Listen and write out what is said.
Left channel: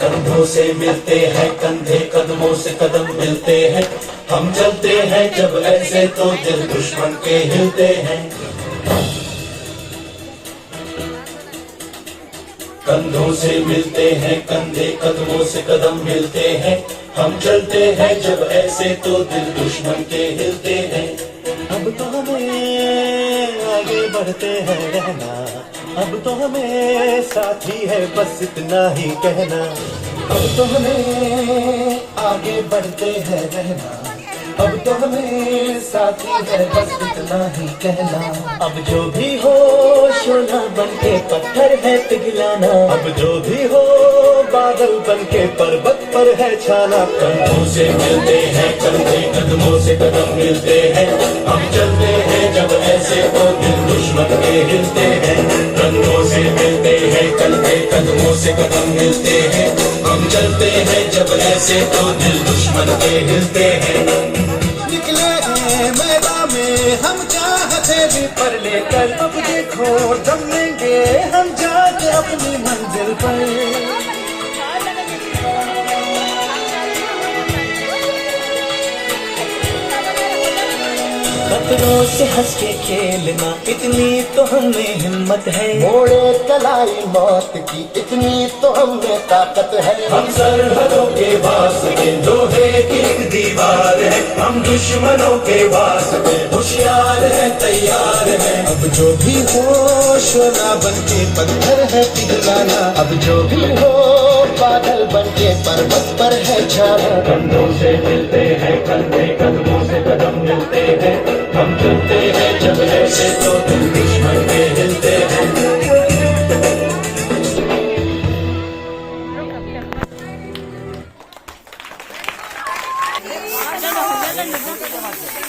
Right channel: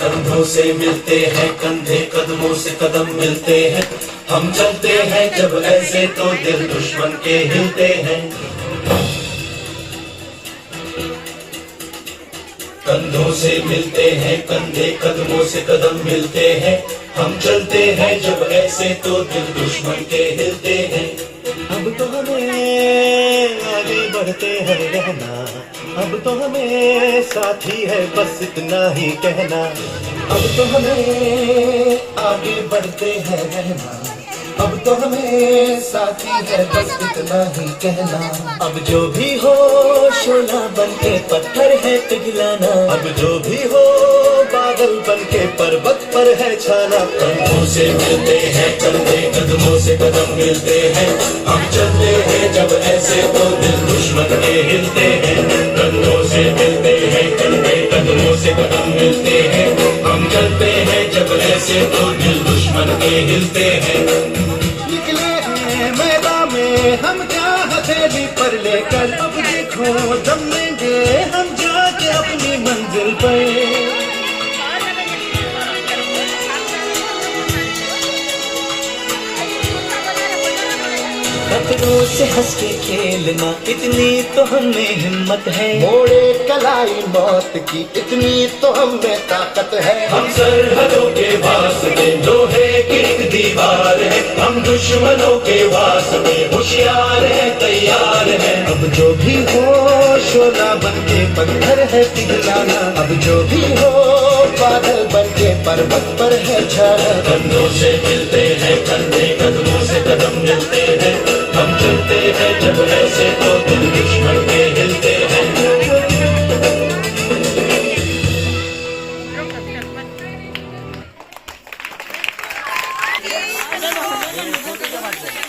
कंधों से मिलते हैं कंधे, कदमों से कदम मिलते हैं, हम चलते हैं जब ऐसे तो दिल दुश्मन के हिलते हैं। कंधों से मिलते हैं कंधे, कदमों से कदम मिलते हैं, हम चलते हैं जब ऐसे तो दिल दुश्मन के हिलते हैं। अब तो हमें आगे बढ़ते हैं रहना, अब तो हमें साथी है बस इतना ही कहना। अब तो हमें आगे बढ़ते हैं रहना, अब तो हमें साथी है बस इतना ही कहना। अब जो भी हो शोला बनके पत्थर है पिघलाना, अब जो भी हो बादल बनके पर्वत पर है छाना। कंधों से मिलते हैं कंधे, कदमों से कदम मिलते हैं, हम चलते हैं जब ऐसे तो दिल दुश्मन के हिलते हैं। कंधों से मिलते हैं कंधे, कदमों से कदम मिलते हैं, हम चलते हैं जब ऐसे तो दिल दुश्मन के हिलते हैं। निकले हैं मैदान में हम क्या हथेली पर लेकर, अब देखो जमेंगे हम जाके अपनी मंजिल पर। खतरों से हंस के खेलना, इतनी तो हमें हिम्मत है, मोड़े कलाई मौत की इतनी तो हमें ताकत है। हम सरहदों के वास्ते लोहे की एक दीवार है, हम दुश्मनों के वास्ते होशियार है तैयार है। अब जो भी हो शोला बनके पत्थर है पिघलाना, अब जो भी हो बादल बनके पर्वत पर है छाना। कंधों से मिलते हैं कंधे, कदमों से कदम मिलते हैं, हम चलते हैं जब ऐसे तो दिल दुश्मन के हिलते हैं। Gracias.